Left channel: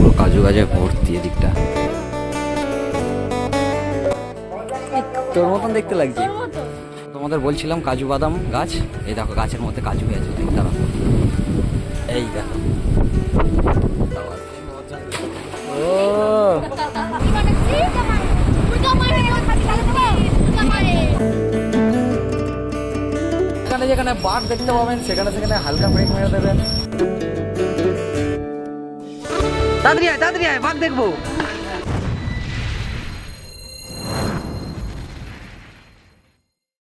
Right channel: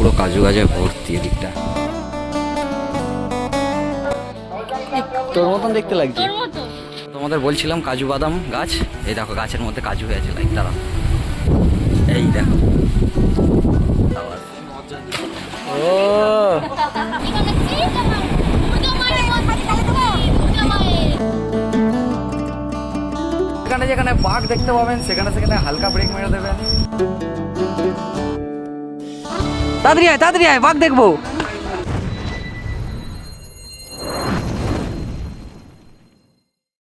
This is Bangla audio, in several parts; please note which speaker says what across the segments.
Speaker 1: পুরো কাজু গাছে ভর্তি এদিকটা। তোর মতন দেখতে লাগছে। তোমাদের বলছিলাম কাজু বাদাম গাছ। এই দেখো গাছের মধ্যে কাজু হয়েছে লাইক দাঁড়া এই দেখো। ও! এখানে যেখানে বাঘ দেখতে পাবেন সেখানে সেখানে হালকা ব্রেক মেরে দেবেন। তাড়াতাড়ি আয় তাড়াতাড়ি আয় বাঘ দেখব।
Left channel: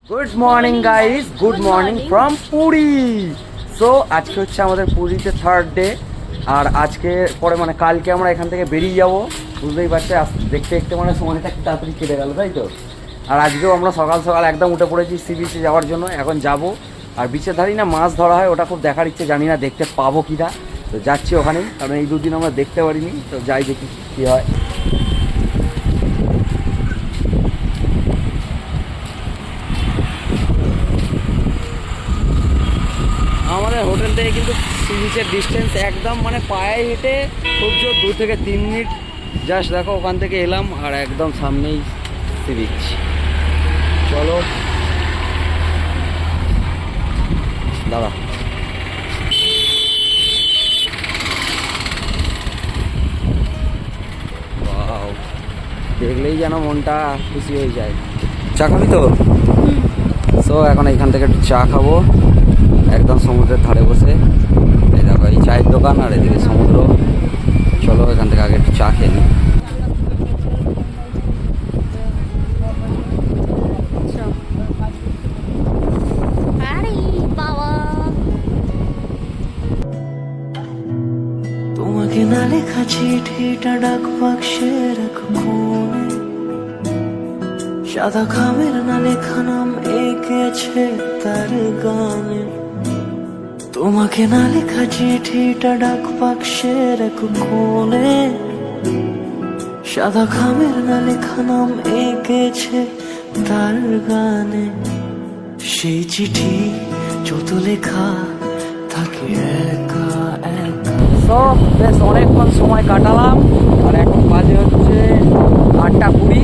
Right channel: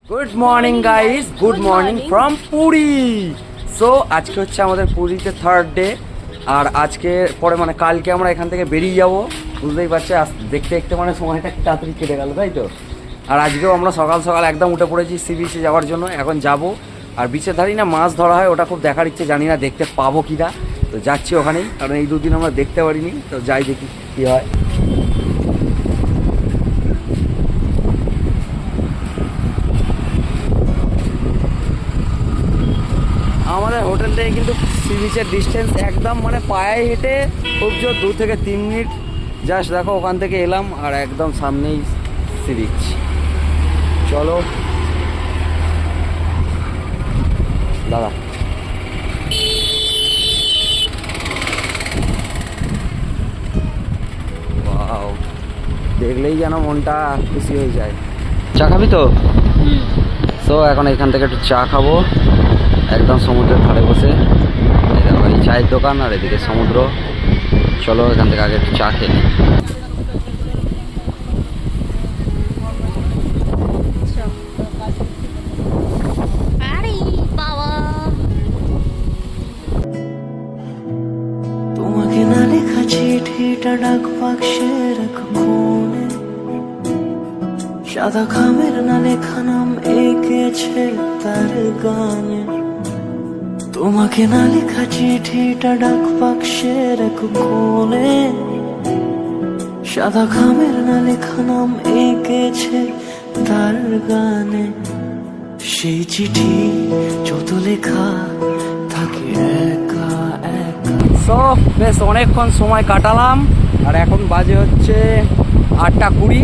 Speaker 1: Good morning guys good morning from Puri so আজকে হচ্ছে আমাদের পুরীতে থার্ড ডে আর আজকে পরে মানে কালকে আমরা এখান থেকে বেরিয়ে যাব। বুঝতেই পারছি আস- দেখতে দেখতে মানে সময়টা কি তাড়াতাড়ি কেটে গেল তাই তো? আর আজকেও আমরা সকাল সকাল একদম উঠে পড়েছি সি বিচে যাওয়ার জন্য। এখন যাব। আর বিচের ধারি না মাছ ধরা হয় ওটা খুব দেখার ইচ্ছে জানি না দেখতে পাবো কি না তো যাচ্ছি ওখানেই, কারণ এই দুদিন আমরা দেখতে পারিনি, তো যাই দেখি কি হয়। আমাদের হোটেল থেকে কিন্তু সি বিচের ডিস্টেন্স একদম মানে পায়ে হেঁটে খুব জোর দু থেকে তিন মিনিট। জাস্ট দেখো, ওখান থেকে এলাম আর একদম সামনেই সি বিচ চলো। দাদা দেখলেই যেন মনটা খুশি হয়ে যায়। চা খাবি তো? সো এখন এখান থেকে একটু চা খাব। একদম সমুদ্রের ধারে বসে। এই দেখো এই চায়ের দোকান আর এদিকে সমুদ্র। চলো এখান থেকে আগে একটু চা খেয়ে নিই।
Speaker 2: আরে বাবা।
Speaker 3: তোমাকে না লেখা চিঠিটা ডাক বাক্সে রাখো। সাদা খামের না লেখা নাম এঁকেছে তার গানে তোমাকে না লেখা চিঠিটা ডাক বাক্সে রাখো কোণে সাদা খামের না লেখা নাম এঁকেছে তার গানে সেই চিঠি যত লেখা থাকে একা একা।
Speaker 1: সো বেশ অনেকক্ষণ সময় কাটালাম, আর এখন বাজে হচ্ছে আটটা কুড়ি।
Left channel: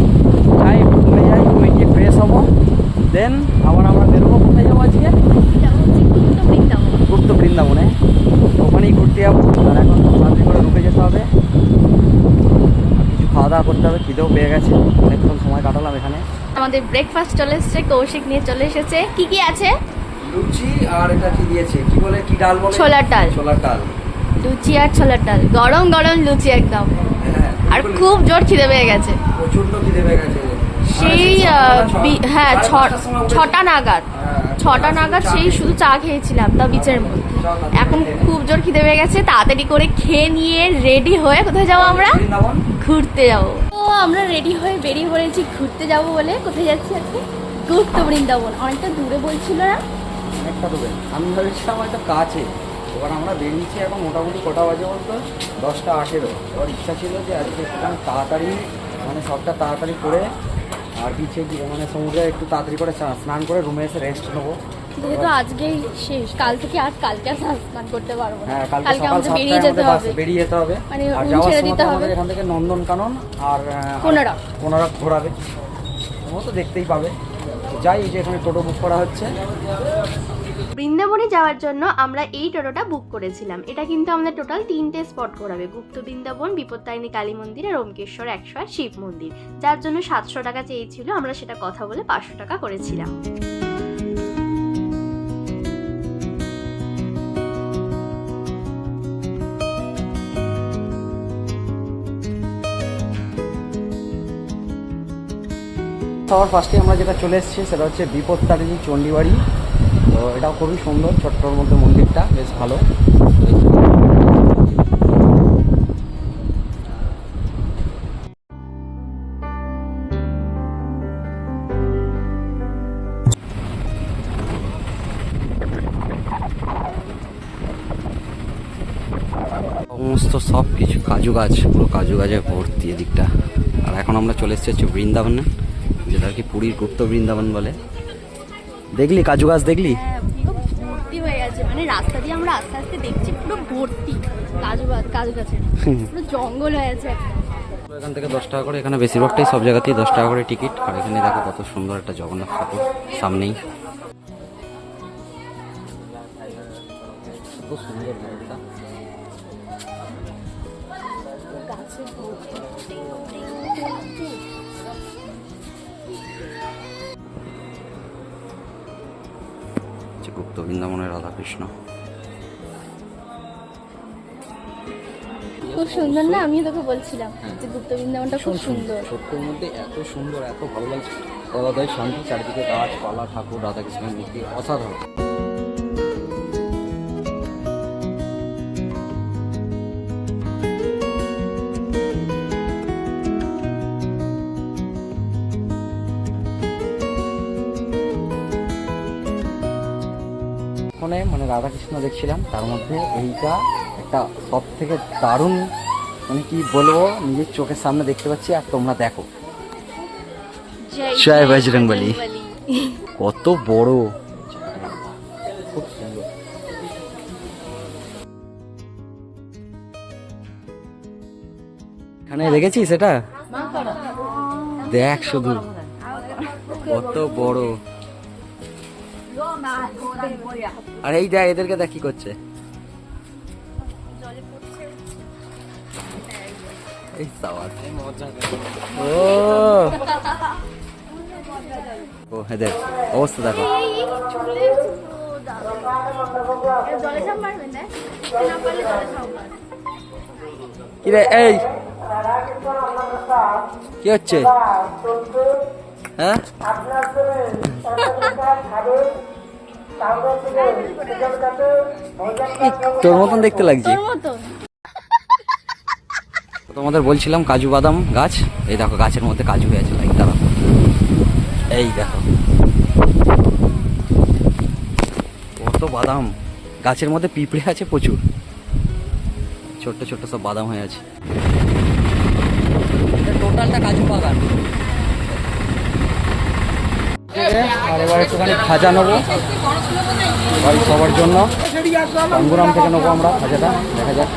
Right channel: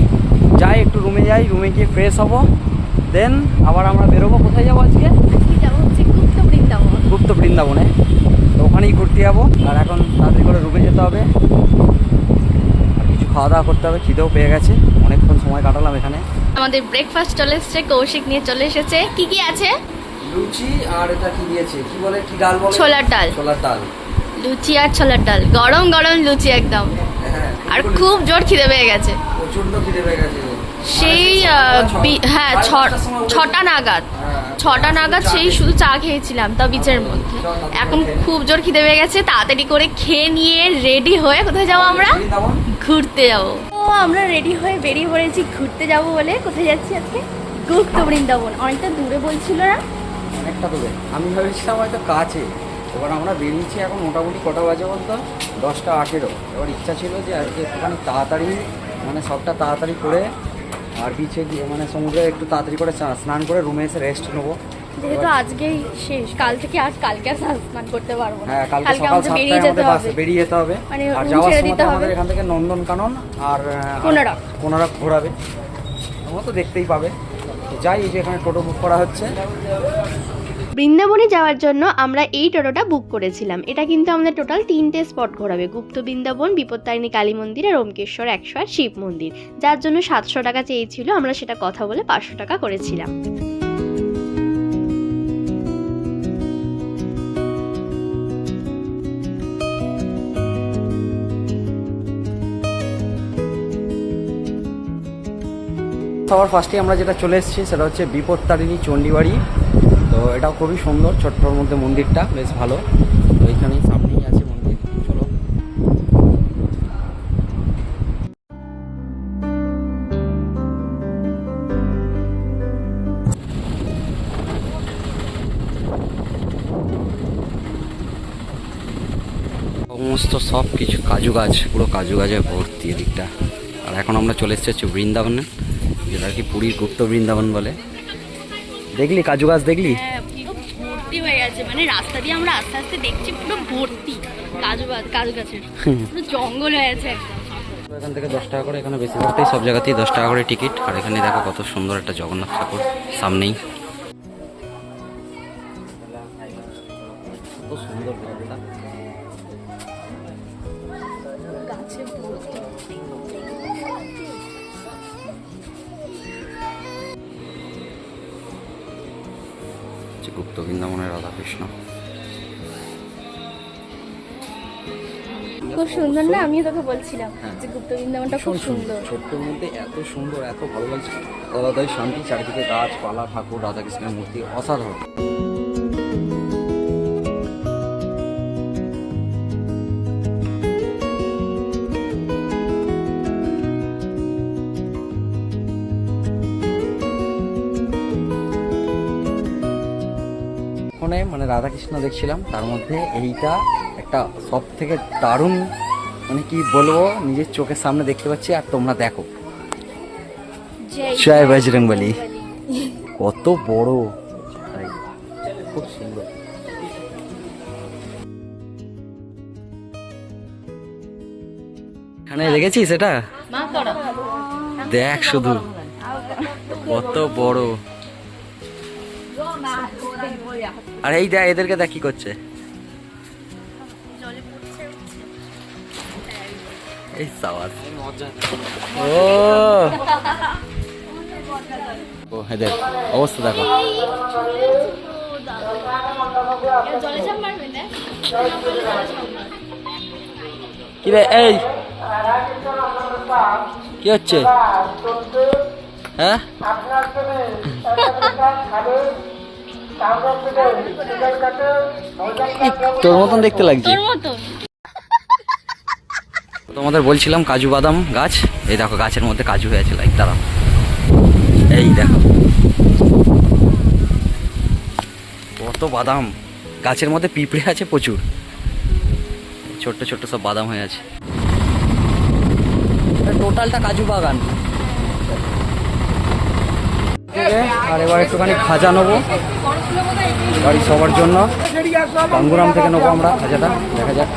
Speaker 1: যাই একটু রুমে যাই রুমে গিয়ে ফ্রেশ হব। দেন আবার আমরা বেরোবো। কোথায় যাব আজকে?
Speaker 2: গুপ্ত বৃন্দাবন।
Speaker 1: বৃন্দাবনে। তো ওখানেই ঘুরতে যাব। আর এখন তাড়াতাড়ি করে রুমে যেতে হবে। আর কিছু খাওয়া দাওয়া করতে হবে। খিদেও পেয়ে গেছে। অনেকক্ষণ সময় কাটালাম এখানে।
Speaker 2: আমাদের ব্রেকফাস্ট চলে এসেছে কৌশিক নিয়ে চলে এসেছে। কি কি আছে?
Speaker 1: লুচি আর এটা কি দিয়েছে? কি বলে? কি ডাল বলে?
Speaker 2: ছোলার ডাল।
Speaker 1: ছোলার ডাল।
Speaker 2: লুচি আর ছোলার ডাল। গরম গরম লুচি একদম।
Speaker 1: হ্যাঁ,
Speaker 2: আর খুব জোর খিদে পেয়ে গেছে।
Speaker 1: প্রচণ্ড খিদে পেয়ে গেছে।
Speaker 2: সেই বি- হ্যাঁ
Speaker 1: উঠে-
Speaker 2: ছটা নাগাদ।
Speaker 1: হ্যাঁ,
Speaker 2: ছটা নাগাদ সেই শুধু চা খেয়েছিলাম তা বিচের মধ্যে। এখন খুব জোর খিদে পেয়ে গেছে তাড়াতাড়ি করে খেয়ে নিয়ে রেডি হয়ে কোথায় যাব আমরা? ঘুরতে যাব। তো আমরা রেডি হয়ে বেরিয়ে পড়েছি ঘুরতে যাব বলে কোথায় যাচ্ছি আজকে? গুপ্ত বৃন্দাবন অনেকটা দূরে বলছিল না?
Speaker 1: অনেকটা দেবে আমি ভাবছিলাম হয়তো কাছে। এবার আমরা বেরিয়েছি এখন মোটামুটি কটা বাজে বলতো? দশটা আঠেরো। এবার ইচ্ছা ছিল যে আজকে একটুখানি তাড়াতাড়ি মানে সবটা তাড়াতাড়ি করে আর বিচে মানে সমুদ্রে একটু তাড়াতাড়ি করে স্নান করে রুমে এসে রেস্ট নেব।
Speaker 2: যেহেতু আজকেই শেষ কাল থেকে আজ কালকে আর স্নান করতে পারব না।
Speaker 1: হ্যাঁ কালকে
Speaker 2: আমাদের বেরিয়ে যেতে হবে।
Speaker 1: বেরিয়ে যেতে হবে।
Speaker 2: মানে
Speaker 1: আর যাওয়ার
Speaker 2: ছেড়ে
Speaker 1: সময়
Speaker 2: দিতে
Speaker 1: আমাদের
Speaker 2: হবে।
Speaker 1: এখান থেকে নন্দনকানন আর আহ,
Speaker 2: কোনারক।
Speaker 1: কোনারক ঘোরাবে। তোমরা তো দেখতেই পাবে। যাই এই যে এখানে টোটো বুক করা হচ্ছে।
Speaker 4: বৃন্দাবনে যাওয়ার জন্য আমরা এই টোটোটা বুক করেছিলাম। এটা কিন্তু আমাদের টোটাল তিনটে স্পট ঘোরাবে। গুপ্ত বৃন্দাবন, বিপত্তারিণী কালী মন্দির আর ওমকেশ্বর একশো আর শিব মন্দির। যার জন্য সাতশো টাকা চেয়েছিল, আমরা সেটা কথা বলে পাঁচশো টাকা করেছিলাম।
Speaker 1: সবার ফার্স্টে আমরা যেটা চলে এসেছি, সেটা হচ্ছে বিপত্তারিণী চণ্ডীবাড়ি। তো এটাও খুবই সুন্দর, ছোট্টর মধ্যে মন্দিরটা, বেশ ভালো। সমস্ত সব কিছু কাজু গাছ পুরো কাজু গাছে ভর্তি এদিকটা। আর এখন আমরা চলে এসেছি বৃন্দাবনে, যেটা কি পুরীর গুপ্ত বৃন্দাবন বলে। দেখলি কাজু গাছ দেখলি?
Speaker 2: হ্যাঁ ভর্তি হয়ে গেছে। মানে রাস্তা দিয়ে আমরা আস্তে আস্তে দেখছি পুরো ভর্তি কাজু বা- কাজু গাছের। পুরো জঙ্গল হয়ে একদম।
Speaker 1: এখান থেকে দশ টাকা করে এখানে বেশিরভাগটাই সব জায়গাতেই দশ টাকা করে টিকিট। আর এখানে দেখো কত সুন্দর একটা জগন্নাথ ঠাকুর সামনেই। কত সুন্দর জায়গাটা। হচ্ছে গুপ্ত বৃন্দাবনের রাধাকৃষ্ণ।
Speaker 2: খুব সুন্দর না? আমিও তোকে বলছিলাম যে গুপ্ত বৃন্দাবনটা খুব সুন্দর।
Speaker 1: সত্যের মধ্যে এত সুন্দর এত ভালো লাগছে। আলাদাই শান্তি চারিদিকে গাছপালা ঠাকুর রাধাকৃষ্ণের মূর্তি অসাধারণ। রাধাকৃষ্ণ দেখছিলাম তার মধ্যে এইটা একটা সব থেকে দারুণ মানে কি বলব নিজের চোখের সামনে দেখতে পাচ্ছি আর তোমরা দেখো। জয় বজরংবলী। কত বড়। খুব সুন্দর। এখানে রেখেছিস এটা? দেখ শুধু। কত বড়। আর এই দেখ এদেরকে দেখ কি করছে। এই সাওয়াজ ও। ও এদের অবস্থা দেখো।
Speaker 2: জলে ঝাঁপ মারবে না
Speaker 1: কি রে এই। কি হচ্ছে? হ্যাঁ? তোর মতন দেখতে লাগছে।
Speaker 2: তোর
Speaker 1: তোমাদের বলছিলাম কাজু বাদাম গাছ। এই দেখো গাছের মধ্যে কাজু হয়ে আছে লাইক দাঁড়াও। এই দেখো। কত বাদাম। গাছের মধ্যে পিঁপড়ে আছে প্রচুর। ছোট্ট ছোট্ট সব বাদাম হয়ে আছে। টোটালটা কাজু বাগান। আর এবার একটুখানি খাজা নেব। বাড়ির সবার জন্য। গাঙ্গুরাম থেকে নেব আমরা খাজাটা দেখা যাক।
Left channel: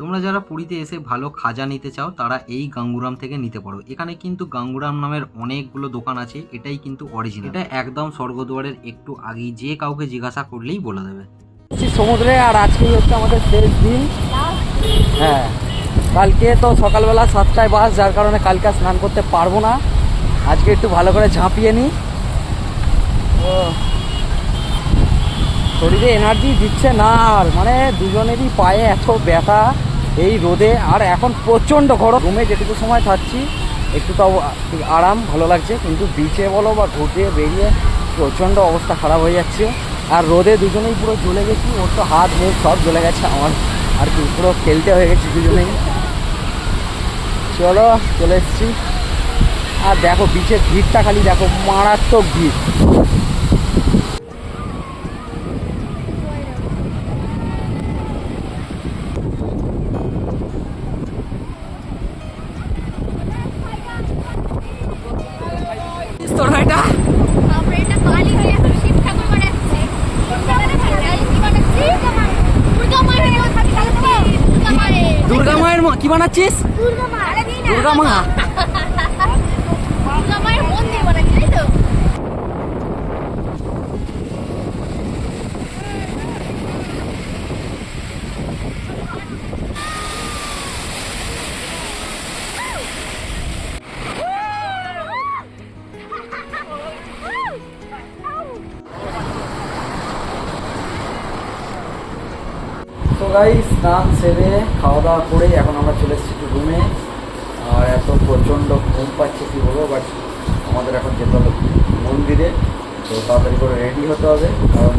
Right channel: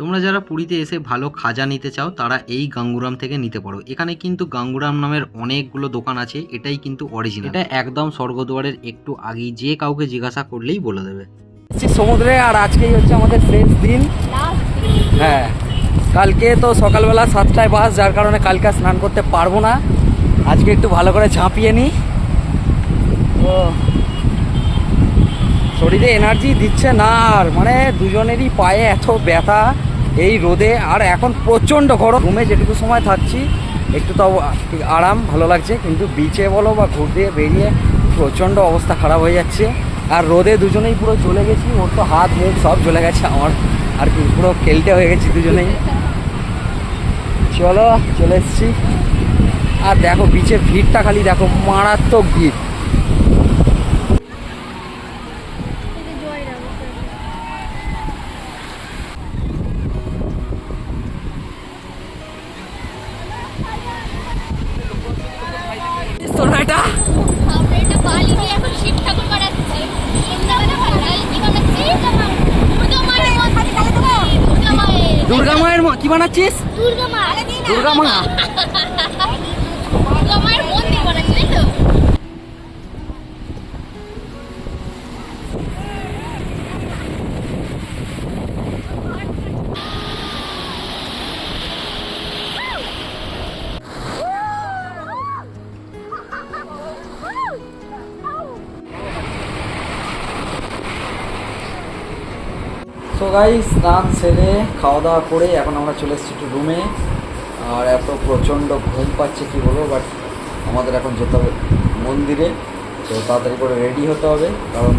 Speaker 1: তোমরা যারা পুরীতে এসে ভালো খাজা নিতে চাও তারা এই গাঙ্গুরাম থেকে নিতে পারো। এখানে কিন্তু গাঙ্গুরাম নামের অনেকগুলো দোকান আছে। এটাই কিন্তু অরিজিনাল এটা একদম স্বর্গদুয়ারের একটু আগেই যে কাউকে জিজ্ঞাসা করলেই বলে দেবে। সমুদ্রে আর আজকেই হচ্ছে আমাদের শেষ দিন। হ্যাঁ। কালকে তো সকালবেলা সাতটায় বাস, যার কারণে কালকে স্নান করতে পারব না। আজকে একটু ভালো করে ঝাঁপিয়ে নিই। ও, শরীরে এনার্জি দিচ্ছে না আর মানে দুজনেরই পায়ে এত ব্যথা এই রোদে। আর এখন প্রচণ্ড গরম। রুমে যেটুকু সময় থাকছি, একটু তো আরাম, ভালো লাগছে। কিন্তু বিচে বলো বা ঘুরতে বেরিয়ে প্রচণ্ড অবস্থা খারাপ হয়ে যাচ্ছে। আর রোদে দুজনেই পুরো জ্বলে গেছি, ওর তো হাত মুখ সব জ্বলে গেছে আমার। আর কি পুরো খেলতে হয়ে গেছি দুজনেই। চলো চলে এসছি। আর দেখো বিচের ভিড়টা খালি দেখো মারাত্মক ভিড়। তোর এটা
Speaker 2: আমরা এটা বালি দিয়ে এখন শিব ঠাকুর বানাচ্ছি সন্ধ্যাবেলা সকালে কি বানাচ্ছি দুর্গা মায়ের দুর্গা মায়ের
Speaker 1: দুর্গা মায়ের ম- কি বানাচ্ছিস?
Speaker 2: দুর্গা মা।
Speaker 1: দুর্গা
Speaker 2: মায়ের মন্দির বানাচ্ছি তাই তো?
Speaker 1: তো গাই স্নান সেরে খাওয়া দাওয়া করে এখন আমরা চলে এসেছি একটু রুমে এত প্রচণ্ড ঘুম পাচ্ছে, কি বলব? বাট আমাদের এখন যেতে হবে মন্দিরে। তো তাড়াতাড়ি করে রেডি হতে হবে, কারণ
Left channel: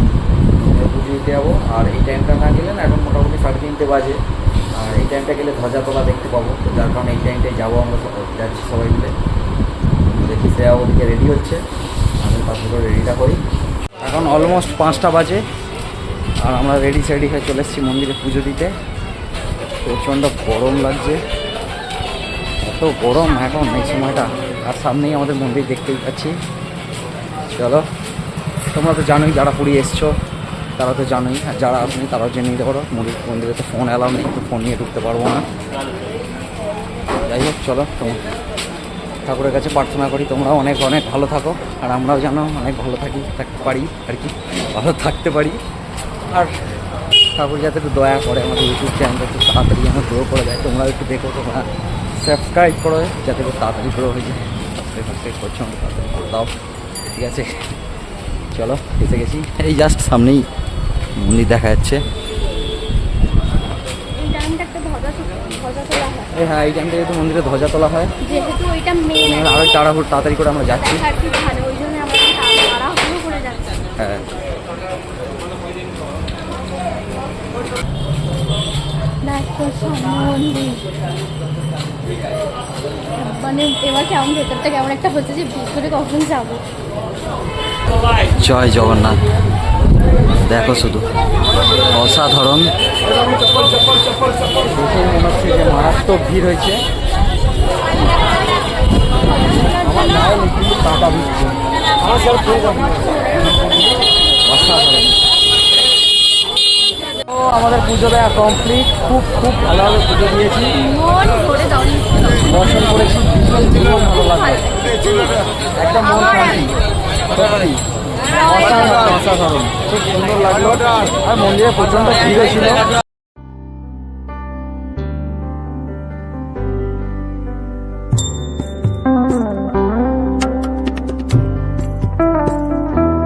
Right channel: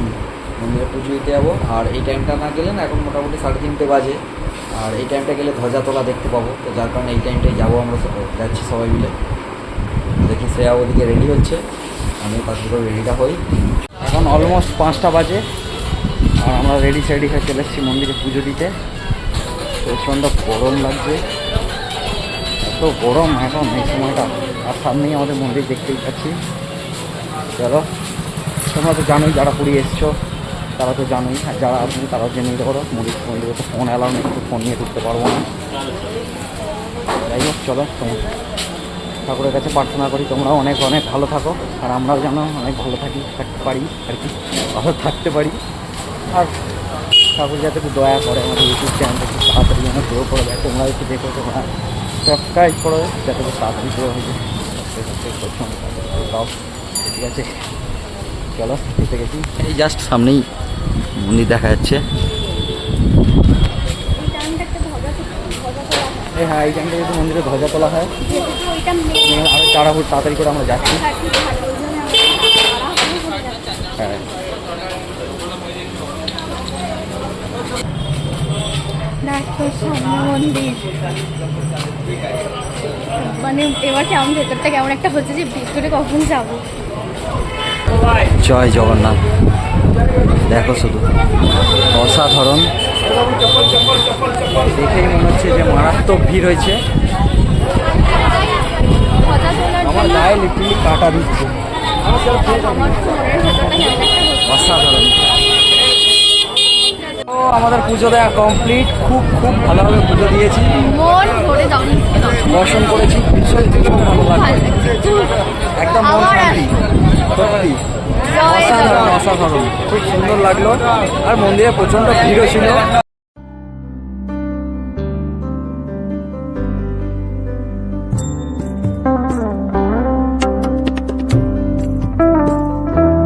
Speaker 1: মন্দিরে পুজো দিতে যাব। আর এই টাইমটা না গেলে না, এখন মোটামুটি সাড়ে তিনটে বাজে। আর এই টাইমটা গেলে ধ্বজা তোলা দেখতে পাবো। তো যার কারণে এই টাইমটায় যাব আমরা যাচ্ছি সবাই মিলে। দেখি শ্রেয়া ওদিকে রেডি হচ্ছে। আমি পাশে করে রেডিটা হই। এখন অলমোস্ট পাঁচটা বাজে। আর আমরা রেডি সেডি হয়ে চলে এসেছি মন্দিরে পুজো দিতে। প্রচণ্ড গরম লাগছে। এত গরম এখন এই সময়টা। আর সামনেই আমাদের মন্দির দেখতেই পাচ্ছি। চলো, তোমরা তো জানোই যারা পুরী এসছো, তারা তো জানোই। আর যারা আসেনি তারাও জেনে নিতে পারো মন্দির মন্দিরে তো ফোন অ্যালাউ নেই, তো ফোন নিয়ে ঢুকতে পারব না। যাই হোক, চলো, তোমার ঠাকুরের কাছে প্রার্থনা করি, তোমরাও অনেক অনেক ভালো থাকো, আর আমরাও যেন অনেক ভালো থাকি, থাকতে পারি, আর কি, ভালো থাকতে পারি। আর ঠাকুর যাতে একটু দয়া করে আমাদের ইউটিউব চ্যানেলটা একটু তাড়াতাড়ি যেন গ্রো করে দেয়, তোমরাও একটু দেখো, তোমরা সাবস্ক্রাইব করে যাতে একটু তাড়াতাড়ি গ্রো হয়ে যায়। সাবস্ক্রাইব করছ আমাকে তাড়াতাড়ি করে দাও ঠিক আছে। চলো এসে গেছি। এই জাস্ট সামনেই মন্দির দেখা যাচ্ছে।
Speaker 2: এই হয়
Speaker 1: এই এইখান থেকে একটু মন্দিরে ধ্বজা তোলা হয়। আরও তাড়াহুড়ো তাড়াতাড়ি করে আমরা যাচ্ছি।
Speaker 2: করে
Speaker 1: হ্যাঁ।
Speaker 2: সামনে মন্দির। মানে এবার কেমন ভেতরটা কেমন একটা হচ্ছে যে ভিতরে কখন যাব?
Speaker 1: জয় জগন্নাথ। দেখো শুধু। অসাধারণ। দেখেই মনে হচ্ছে যে মারাত্মক ভিড় হয়েছে। আমার গায়ে লিটারলি কাটা দিচ্ছে। অসাধারণ। আমাদের পুজো দেওয়া কমপ্লিট খুব খুব ভালোভাবে পুজো দিয়েছি। দর্শন করেছি, ভীষণ ভীষণ ভালো লাগল। একদম মন শান্তি ব্যাপারই অসাধারণ অসাধারণ, খুব সুন্দর লাগল। আর মন্দিরে প্রচণ্ড ভিড়ও ছিল।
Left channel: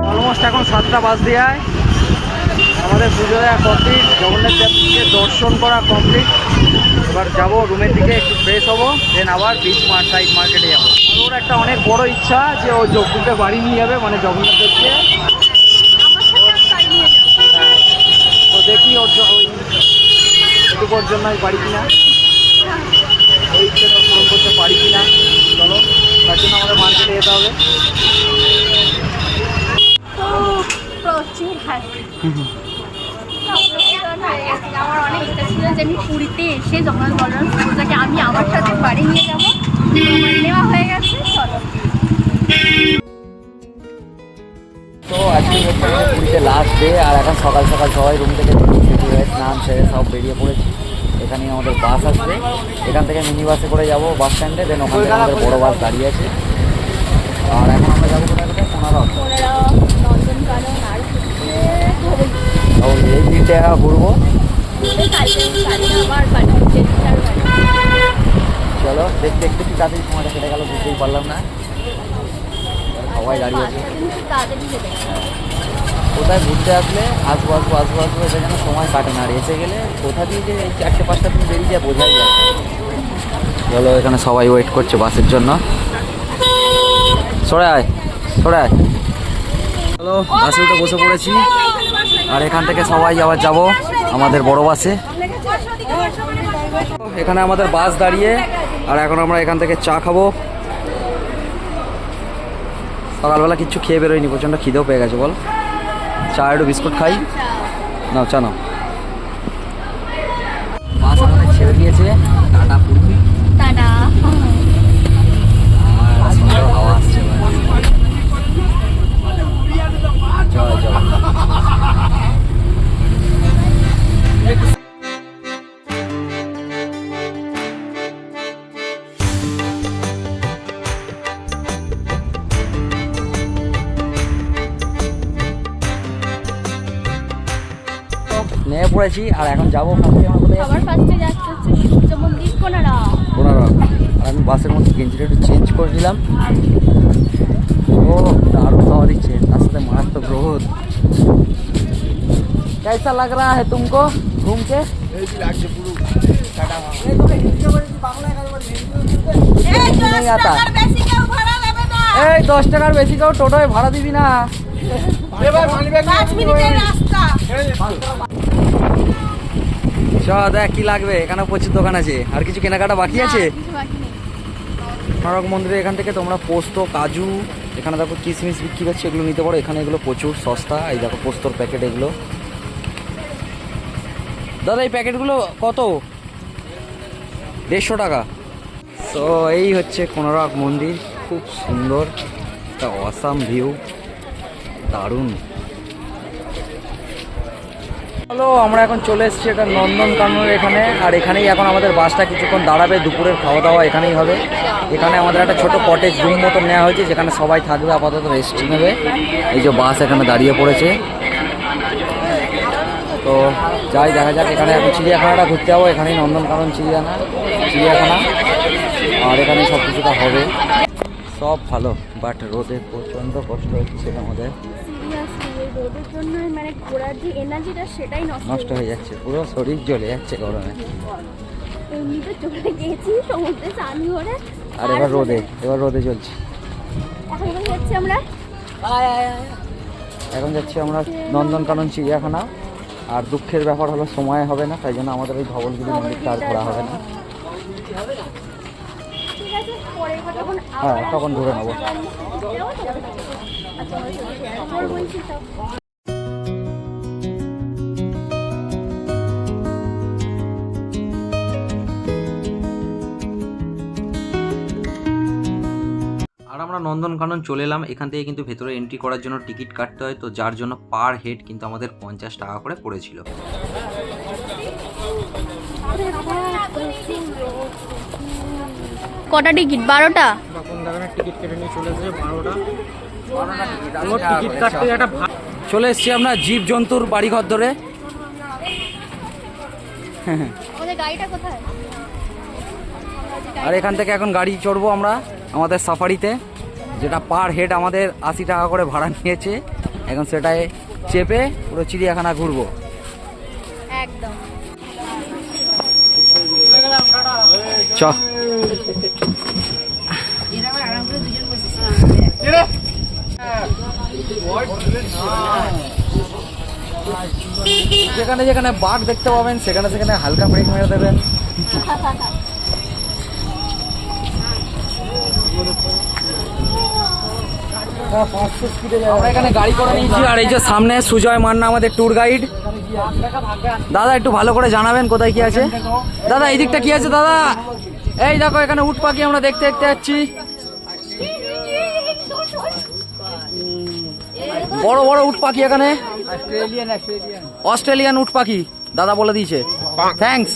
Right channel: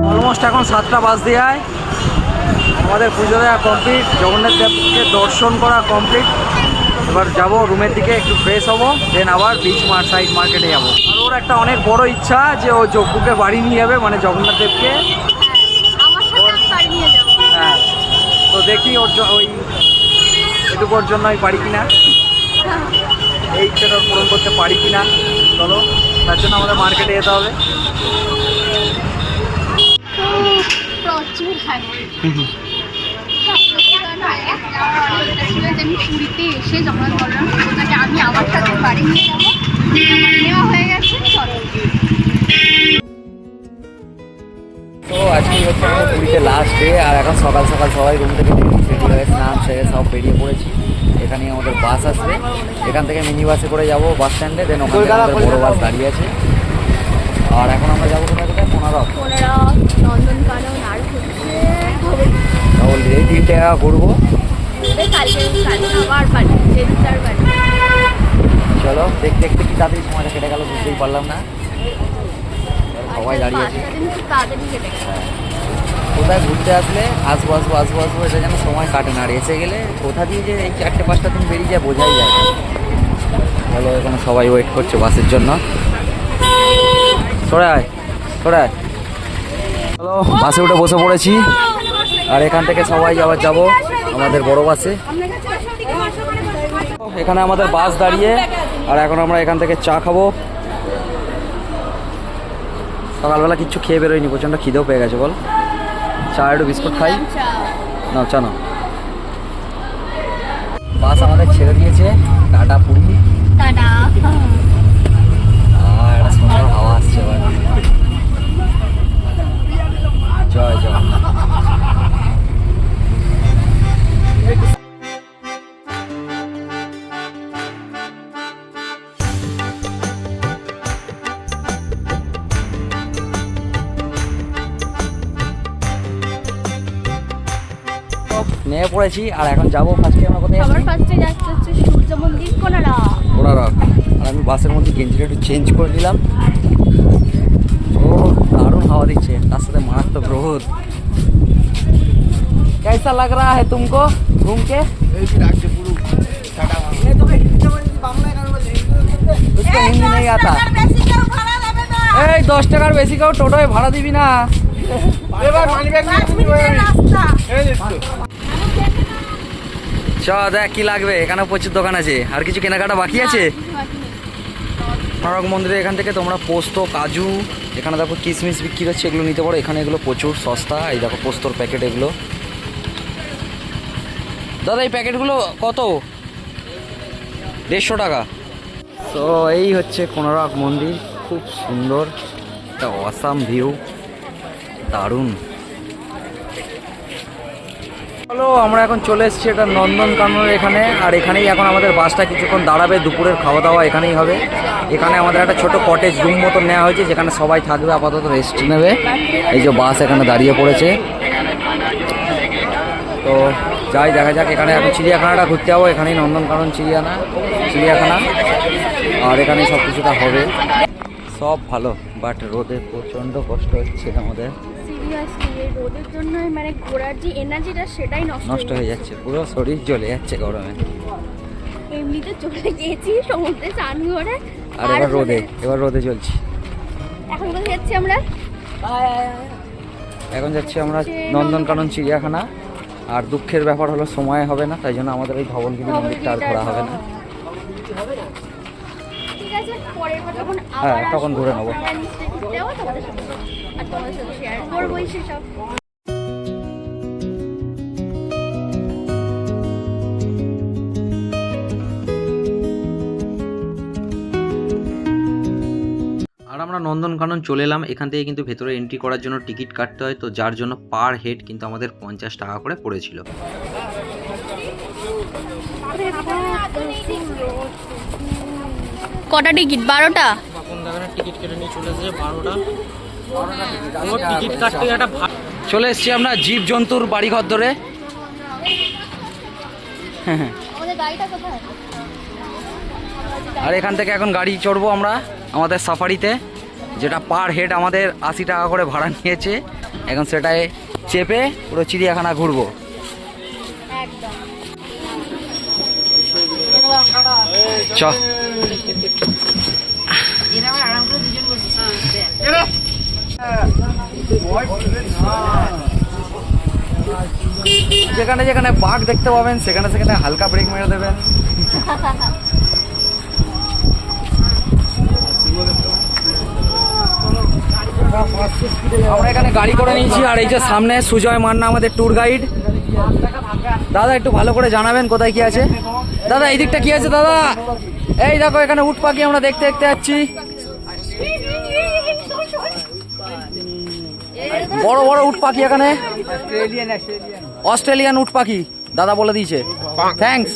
Speaker 1: অলমোস্ট এখন সাতটা বাজ দেয় আমাদের পুজো দেওয়া কমপ্লিট জগন্নাথ দেবকে দর্শন করা কমপ্লিট এবার যাব রুমের দিকে একটু ফ্রেশ হব দেন আবার বিচ মার সাইড মার্কেটে যাব। আর ওর একটা অনেক বড় ইচ্ছা যে ও যজ্ঞকে বাড়ি নিয়ে যাবে মানে জগন্নাথ দেবকে। হ্যাঁ। তো দেখি ওর ওই এটুকু ওর জন্য আমি পারি কিনা। এই ইচ্ছাটা ওর পূরণ করতে পারি কিনা। চলো তার জন্য আমাদের মার্কেটে যেতে হবে।
Speaker 2: প্রচুর ছিল যে
Speaker 1: তো আজকে হচ্ছে আমাদের পুরীতে লাস্ট ডে আর এখন সকাল সকাল সবাই রুম থেকে রেডি হয়ে স্নান সেরে সব বেরিয়ে পড়েছি। এখানে আমাদের বাস আসবে। এখান থেকে মিনি বাসে করে যাব বাস স্ট্যান্ডে দেন ওখান থেকে আমাদের বড় বাস দাঁড়িয়ে আছে। আর এখন আমরা যাব কোথায় কোথায়? কোনারক,
Speaker 2: নন্দনকানন, আর
Speaker 1: ডবল এই জায়গা ঘুরবো? চলো, দেখতে দেখতে কি তাড়াতাড়ি সময়টা কেটে গেল, বুঝতেই পারলাম না। সবাই দাঁড়িয়ে আছে। কোথায় ঘুরতে আসলে? আসব আসব আসব আসব, এটা যেন সময় কাটে না। আর এসে গেলে কোথা দিয়ে যে এই চারটে, পাঁচটা দিন বেরিয়ে যায়, বোঝাই যায় চলো, এখানে সবাই ওয়েট করছে বাসের জন্য। সরে আয় সরে আয়। চলো, বাসে উঠে বসে পড়েছি। আর এখান থেকে সবাই আবার যাব আমাদের বড় বাসে। এখানে আমাদের বাস দাঁড়িয়ে, আর এখন আমরা এখান থেকে চা খাব। সকালবেলা কিছু খেয়ে বেরোয়নি, প্রচণ্ড খিদেও পেয়ে গেছে, বল। চা একটু বিস্কুট খাই। না চা নাও। নেমে পড়েছি আর এখন যাবো ফার্স্টে আমরা কোথায়
Speaker 2: সবার ফার্স্টে যাচ্ছে হচ্ছে সূর্য মন্দির কোনারা
Speaker 1: কোনারক আর আমি বাসের মধ্যে গেঞ্জিটা একটু চেঞ্জ করে নিলাম ও দারুণ হাওয়া দিচ্ছে তার সাথে মারাত্মক রোদ कैसा लग रहा है तुमको घूम के उसको हिंदी नहीं आता এই দশ টাকার বেশি কেউ টোটোয় ভাড়া দিবি না চ দেখ কি লাগবে এখানে প্রচুর দোকান আছে। আর কিছু কেনাকাটা বাকি আছে? কোনারক মন্দিরে এখান থেকে তোমরা পোস্ত কাজু এখানে দেখো কিশমিশ বিক্রি হচ্ছে এগুলো নিতে পারো। এখানে এগুলো প্রচুর সস্তা। এই দেখো পোস্তর প্যাকেট এগুলো। দাদা এই প্যাকেটগুলো কত? দেড়শো টাকা। তো এই হচ্ছে কোনারক মন্দির। খুব সুন্দর একটা অসাম ভিউ দারুণ। হ্যালো আমরা এখন চলে এসেছি এটা নন্দনকাননের এখানে, আর এখানেই এখন আমাদের বাসটা কিছুক্ষণ দাঁড়াবে, দুপুরের খাওয়া দাওয়া এখানেই হবে। এখানে আমাদের একটা ছোট কটেজ রুম মতো নেওয়া হয়েছে, যেখানে সবাই থাকবে, আপাতত রেস্ট নেবে। এই যে বাস এখানে দাঁড়িয়ে পড়েছে। তো যাই, দেখা যাক, এখানে এখন চিড়িয়াখানাটা ঘুরতে যাব, এখানেই নন্দনকানন চিড়িয়াখানা চিড়িয়াখানা, আর এখানে সব কিছুটা হবে। সব ভালো বাট রোদে প্রচণ্ড কষ্ট হচ্ছে আমাদের।
Speaker 2: সিরিয়াসলি এই রোদের জন্য মানে ঘোরার যে এনার্জিটা সেটাই নষ্ট
Speaker 1: নষ্ট হয়ে যাচ্ছে পুরো শরীর জ্বলে যাচ্ছে গরমে।
Speaker 2: এমনিতে চলে গিয়েছি সমুদ্রে স্নান করে।
Speaker 1: আর এবার রোদে এবার রোদে চলছি।
Speaker 2: এখন কোথায় যাচ্ছি আমরা?
Speaker 1: এখন যাচ্ছি আমরা নন্দনকানন চিড়িয়াখানা। আর দুঃখের ব্যাপার হলো সময় হবে না তাই জন্য আমাদের ওই ভবনগিরি মন্দিরটা আর ঘোরা হবে না। হ্যাঁ, তখন ঘুরে নেব।
Speaker 2: আর
Speaker 1: আমরা নন্দনকানন চলে এলাম। এখান থেকে কিন্তু ভেতরে এন্ট্রি করার জন্য টিকিট কাটতে হয়। তো যার জন্য পার হেড কিন্তু আমাদের পঞ্চাশ টাকা করে পড়েছিল।
Speaker 2: কটা টিকিট? বারোটা?
Speaker 1: চলে এসছি আমরা জীব জন্তুর বাড়িঘর ধরে। আর এখান থেকে এখন গাড়ি চড়বো আমরা আমাদের সাফারিতে যেটা পার হেড আমাদের আশি টাকা করে ভাড়া নিয়েছে। এখন সেটায় চেপে পুরো চিড়িয়াখানা ঘুরবো। চ যেখানে যেখানে বাঘ দেখতে পাবেন, সেখানে সেখানে হালকা ব্রেক মেরে দেবেন। আমরা এখানে গাড়ি করে নিয়েছি, আর এই যে সামনে সুজয় মান্না আমাদের ট্যুর গাইড দাদা, একটু ভালো করে জানাবেন কোথায় কি আছে? দাদা, এই দিকটা কি আছে, দাদা? এই দেখো, এখানে উট পাখি আমরা দেখতে দেখতে যাচ্ছি। বড় বড় উট পাখি এখানে? অস্ট্রেলিয়ান উট পাখি দাদা বলে দিয়েছে। থ্যাঙ্কস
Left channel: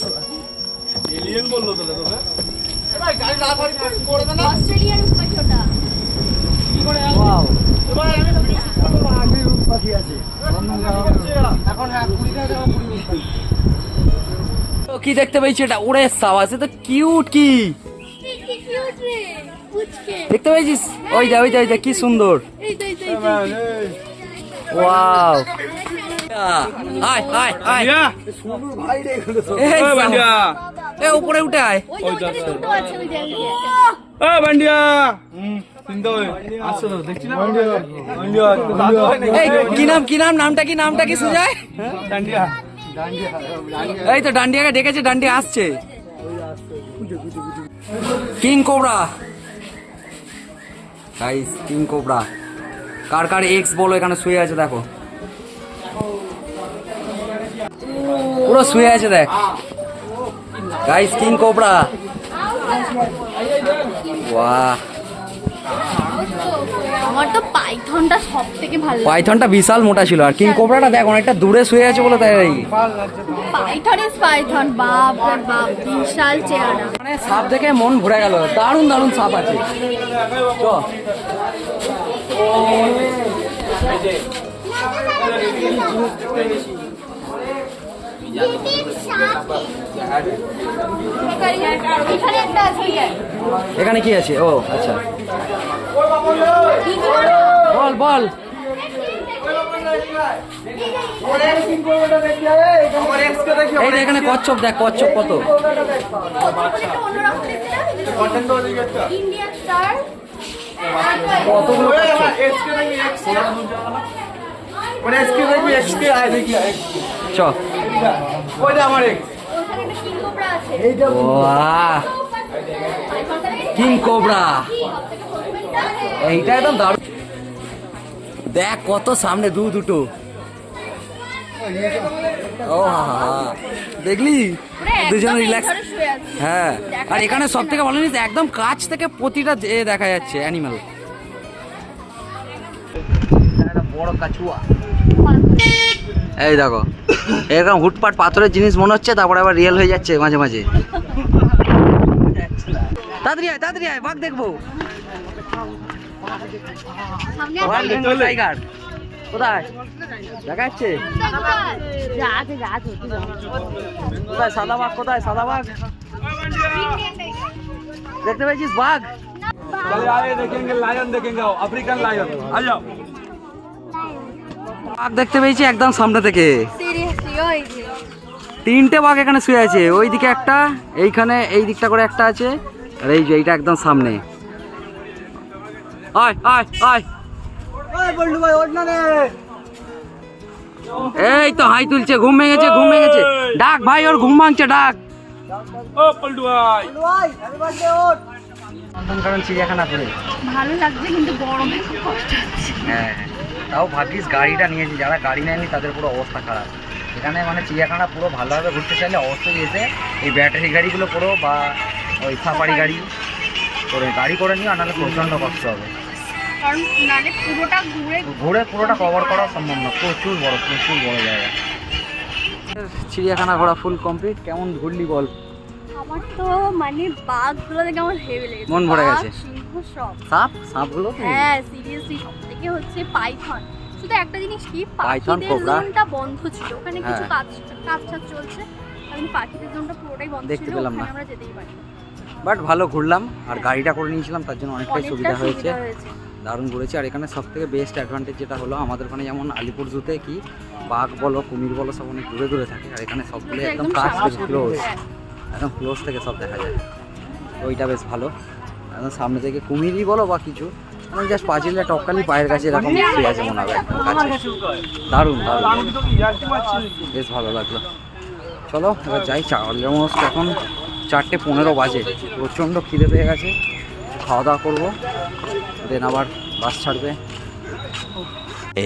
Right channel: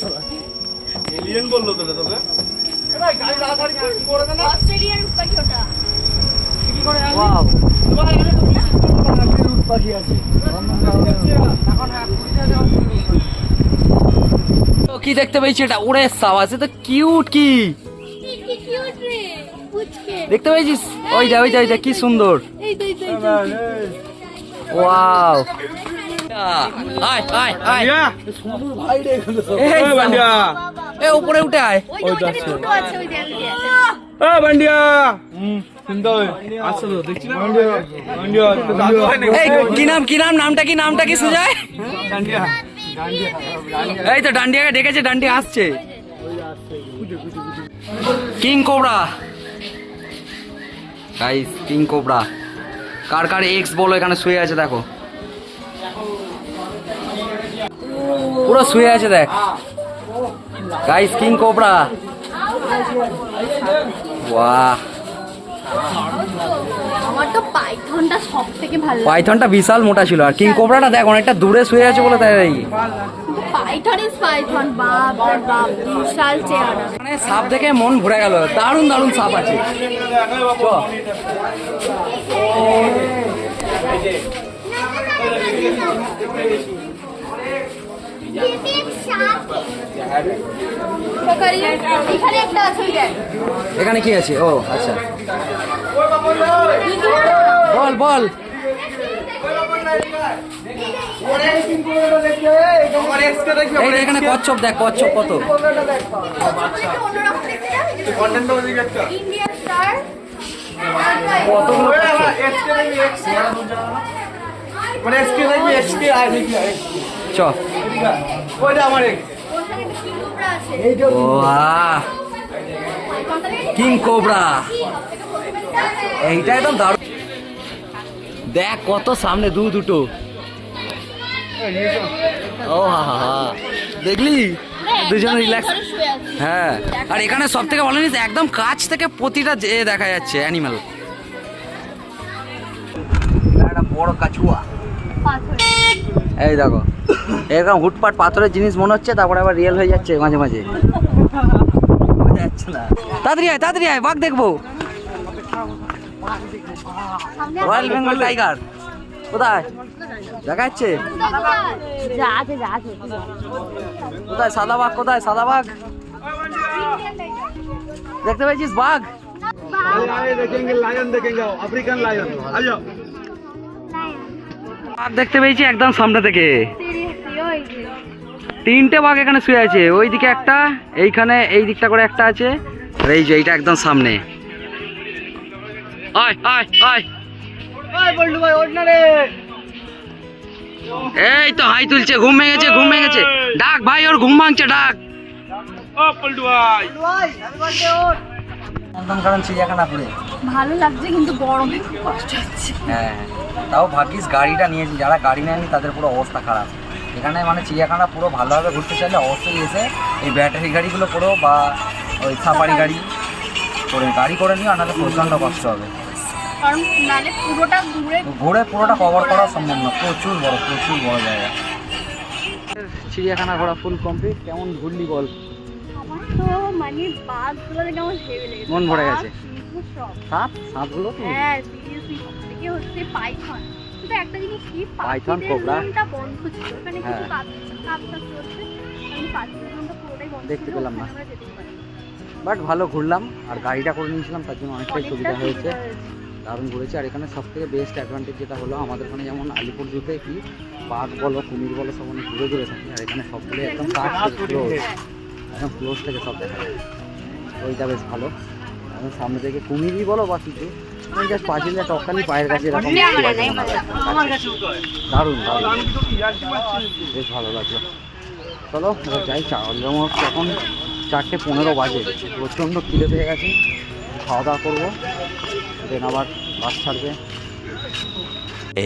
Speaker 2: অস্ট্রেলিয়ার পাখি ওটা।
Speaker 1: তো কি দেখতে পেয়েছি এটা? ওরে সাবাস এ তো কিউট কি? দেখতে পেয়েছিস? ওই যা ওই যা ওই যা কি সুন্দর
Speaker 2: এই তো এই তো এই তো, এই তো
Speaker 1: ওয়াও আয় আয় আয়। এ উপরে উঠে আয়। কি নাম কি নাম নামটা কি নামটা কি সুজয়? এই তো ডান্ডিয়াকে ডেকেছে ডান্ডিয়া আসছে। King cobra. Guys king cobra. কার কার এক্স বলো এখানে শুয়ে আছে দেখো। পুরো শুয়ে আছে দেখ। গাইস কিং কোবরা বাহ
Speaker 2: পাইথনটা সব থেকে ভালো
Speaker 1: পাইথনটা বিশাল মোটা ছিল আর কিং কোবরাটা দেখ অনেকটা দূরে শুয়ে আছে বলে তাই
Speaker 2: পাইথন ইজ পাইথন বাপ রে বাপ বিশাল চেহারা।
Speaker 1: মানে সাপ দেখে মন ভরে গেল দারুণ দারুণ সাপ আছে। চ।
Speaker 2: এখানে
Speaker 1: কি আছে? ও আচ্ছা। বল বল। এখানে কচ্ছপ দেখ কচ্ছপ কত। কতগুলো চ।
Speaker 2: ওখানে একটা কিংকোবরা আছে
Speaker 1: ও আহ
Speaker 2: পাইথনটা দেখেছিস?
Speaker 1: কিং কোবরা এইটা একদম দারুণ। দেখ কত সামনে দু দুটো। ও। দেখলি? দুজন রিল্যাক্স হ্যাঁ। আর এখানে সব থেকে ভালো জিনিস একদম কাছ থেকে প্রতিটা এ দেখা যাচ্ছে অ্যানিমাল একটা বড় কাছুয়া। এই দেখো। এরকম হুটপাট পাথরের জিনিস মনে হচ্ছে তারপরে আবার রিয়েল হয়ে যাচ্ছে মাঝে মাঝে। না। তাড়াতাড়ি আয় তাড়াতাড়ি আয় বাঘ দেখব। Royal Bengal tiger? কোথায়?
Speaker 2: দেখাচ্ছে।
Speaker 1: কোথায় সাদা বাঘ কোথায় সাদা বাঘ দেখতে পেয়েছিস বাঘ? বাঘ দেখতে পেয়েছি একদম সামনে থেকে। তিনটে বাঘ এখানে শুয়ে আছে। ওইদিকে একটা এইখানে এই দিকটা করে একটা আছে। আর এই যে এইটা একদম সামনে। আয় আয় আয়। এই তো হাই তুলছে ঘুম ভেঙেছে ঘুম ভেঙেছে ডাক ভাই ওর ঘুম ভাঙছে ডাক। নন্দনকানন চিড়িয়াখানা করে
Speaker 2: ভালো লাগছে কিন্তু গরমে খুব কষ্ট হচ্ছে।
Speaker 1: হ্যাঁ তাও ভাগ্যিস গাড়িটা নিয়েছি যারা গাড়ি নেয়নি তাদের পুরো অবস্থা খারাপ। এখানে মানে চিড়িয়াখানা পুরো ভালোভাবে ঘুরতে চাইলে অবশ্যই এসে এই ব্যাটারি গাড়িগুলো পুরো বা ওই সাফারি গাড়ি করে গাড়ি করে নিও আর নাহলে প্রচণ্ড কষ্ট হবে।
Speaker 2: কারণ নালে পুরোটা ঘুরে
Speaker 1: ঘুরে পুরোটা কভার করা সম্ভব না প্রচুর বড় প্রচুর বড় জায়গা। চিড়িয়াখানা ঘোরা ফুল কমপ্লিট কেমন ঘুরলি বল?
Speaker 2: আমার তো মানে বাঘগুলো দেখে আমার হেভি লেগেছে।
Speaker 1: মন ভরে গেছে। সাপ? সাপগুলো তো
Speaker 2: হ্যাঁ সিরিয়াসলি থেকে হচ্ছে পাইথন শুধু একটা জিনিস কি?
Speaker 1: Python,
Speaker 2: cobra. বন্ধ ছিল। ওখানে কিছু
Speaker 1: হ্যাঁ।
Speaker 2: কাজ কাজ চলছে। আমি পাখিদের পুরোটাই বন্ধ
Speaker 1: দেখতে পেলাম না।
Speaker 2: আমরা যেতেই
Speaker 1: বাট ভালো ঘুরলাম আর গাড়িটা করে নিয়েছিলাম তার জন্য অনেকটাই সুবিধা হয়েছে। দারুণ ঘুরেছি। আর এখানে সব থেকে বেস্ট অ্যাডভান্টেজ যেটা হলো আমাদের ওখানে যেমন আলিপুর জুতে কি বাঘ বলো কুমির বলো সব অনেক দূরে দূরে থাকে। আর এখানে সবগুলো একদম থেকে ক্লোজ একদম ক্লোজ থেকে সব দেখা যায়। তো ওইটা বেশ ভালো। একদম সামনে থেকে কুমিরই বলো বা কিছু মানে জাস্ট পাঁচিলে টপকানি পায়ের কাছে এরকম আছে মনে হবে একদম কাছে। দারুণ দারুণ। বেশ ভালো লাগল। চলো এবার যাই চা অলমোস্ট এখন চারটে পনেরো বাজে। প্রচণ্ড খিদে পেয়ে গেছে। খাওয়া দাওয়া করব। দেন আবার বাস ছাড়বে।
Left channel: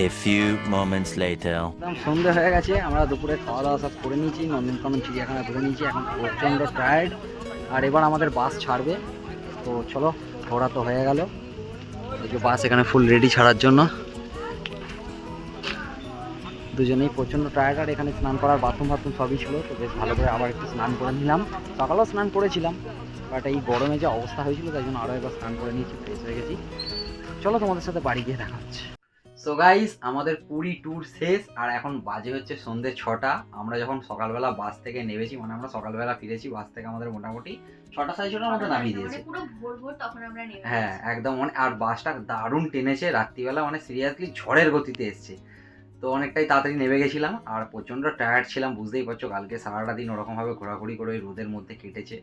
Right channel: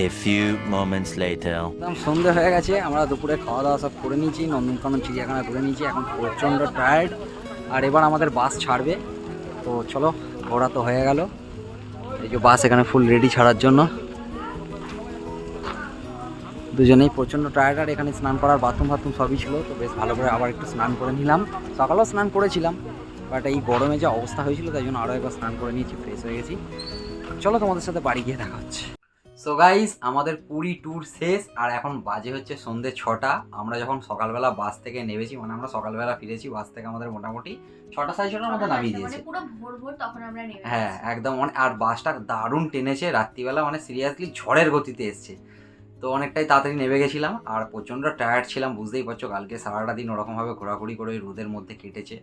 Speaker 5: A few moments later.
Speaker 1: একদম সন্ধে হয়ে গেছে আমরা দুপুরে খাওয়া দাওয়া সব করে নিয়েছি নন্দনকানন চিড়িয়াখানা ঘুরে নিয়েছি এখন প্রচণ্ড টায়ার্ড আর এবার আমাদের বাস ছাড়বে। তো চলো ঘোরা তো হয়ে গেল। এই যে বাস এখানে ফুল রেডি ছাড়ার জন্য। দুজনেই প্রচণ্ড টায়ার্ড আর এখানে স্নান করার বাথরুম ফাথরুম সবই ছিল তো বেশ ভালো করে আবার একটু স্নান করে নিলাম। সকালেও স্নান করেছিলাম বাট এই গরমে যে অবস্থা হয়েছিল তাই জন্য আরও একবার স্নান করে নিয়েছি ফ্রেশ হয়ে গেছি। চলো তোমাদের সাথে বাড়ি গিয়ে দেখা হচ্ছে। সো গাইস আমাদের পুরী ট্যুর শেষ আর এখন বাজে হচ্ছে সন্ধ্যে ছটা। আমরা যখন সকালবেলা বাস থেকে নেমেছি মানে আমরা সকালবেলা ফিরেছি বাস থেকে আমাদের মোটামুটি ছটা সাড়ে ছটার মতো নামিয়ে দিয়েছে।
Speaker 2: পুরো ভোর ভোর তখন আমরা নেমে
Speaker 1: হ্যাঁ একদম মানে আর বাসটা দারুণ টেনেছে রাত্রিবেলা মানে সিরিয়াসলি ঝড়ের গতিতে এসছে। তো অনেকটাই তাড়াতাড়ি নেমে গেছিলাম আর প্রচণ্ড টায়ার্ড ছিলাম বুঝতেই পারছ কালকে সারাটা দিন ওরকমভাবে ঘোরাঘুরি করে ওই রোদের মধ্যে কেটেছে।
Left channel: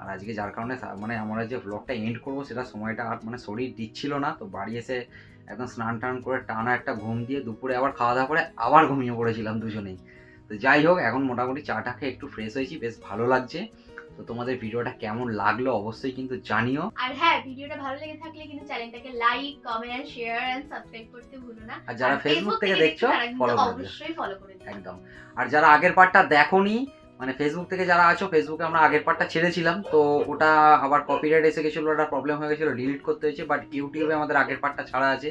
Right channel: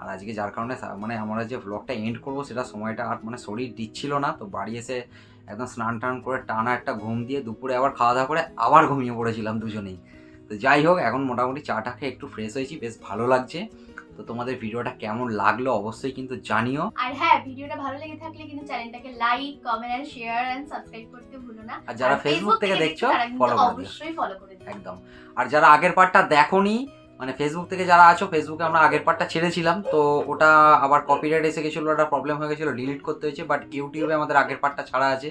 Speaker 1: আর আজকে যার কারণে মানে আমরা যে ব্লগটা এন্ড করব সেটা সময়টা আর মানে শরীর দিচ্ছিল না। তো বাড়ি এসে একদম স্নান টান করে টানা একটা ঘুম দিয়ে দুপুরে আবার খাওয়া দাওয়া করে আবার ঘুমিয়ে পড়েছিলাম দুজনেই। তো যাই হোক এখন মোটামুটি চাটা খেয়ে একটু ফ্রেশ হয়েছি বেশ ভালো লাগছে। তো তোমাদের ভিডিওটা কেমন লাগল অবশ্যই কিন্তু জানিও।
Speaker 2: আর হ্যাঁ ভিডিওটা ভালো লেগে থাকলে কিন্তু চ্যানেলটাকে like comment share and subscribe করতে ভুলো না।
Speaker 1: আর যারা ফেসবুক থেকে দেখছ ফলো করে দিও।
Speaker 2: অবশ্যই ফলো করে দিও।
Speaker 1: একদম। আর যারা আগের পার্টটা দেখোনি মানে ফেসবুক থেকে যারা আছো ফেসবুকে আমরা আগের পার্টটা ছেড়েছিলাম তো ওটা আবার কপিরাইট এসে গেছিল ওটা প্রবলেম হয়ে গেছিল ডিলিট করতে হয়েছে বাট ইউটিউবে আমাদের আগের পার্টটা ছাড়া আছে।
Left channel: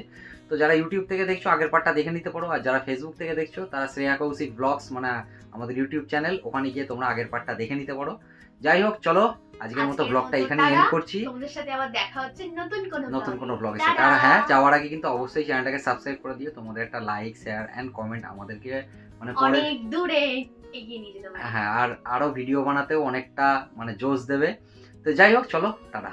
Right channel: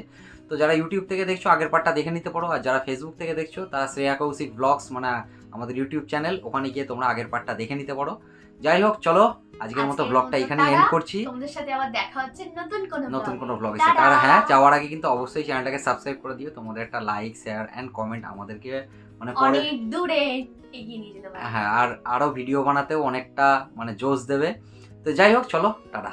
Speaker 1: তো যারা ইউটিউব থেকে দেখছ আগের পার্টটা দেখে নিতে পারো আর যারা ফেসবুক থেকে দেখছ তারা শ্রেয়া কৌশিক ব্লগস মানে আমাদের ইউটিউব চ্যানেল ওখানে গিয়ে তোমরা আগের পার্টটা দেখে নিতে পারো। যাই হোক চলো আজকের মতো ব্লগটা এখানে এন্ড করছি।
Speaker 2: তোমাদের সাথে আবার দেখা হচ্ছে নতুন কোনো
Speaker 1: নতুন। কোনো ব্লগের সাথে। আর হ্যাঁ যাওয়ার আগে কিন্তু অবশ্যই চ্যানেলটাকে সাবস্ক্রাইব করে দিও তোমাদের একটা লাইক শেয়ার অ্যান্ড কমেন্ট আমাদেরকে মানে পরে
Speaker 2: অনেক দূরে। এগিয়ে নিয়ে যেতে পারবে
Speaker 1: হ্যাঁ আর আরও ভিডিও বানাতেও অনেকটা মানে জোশ দেবে। তো যাই হোক, চলো, টাটা।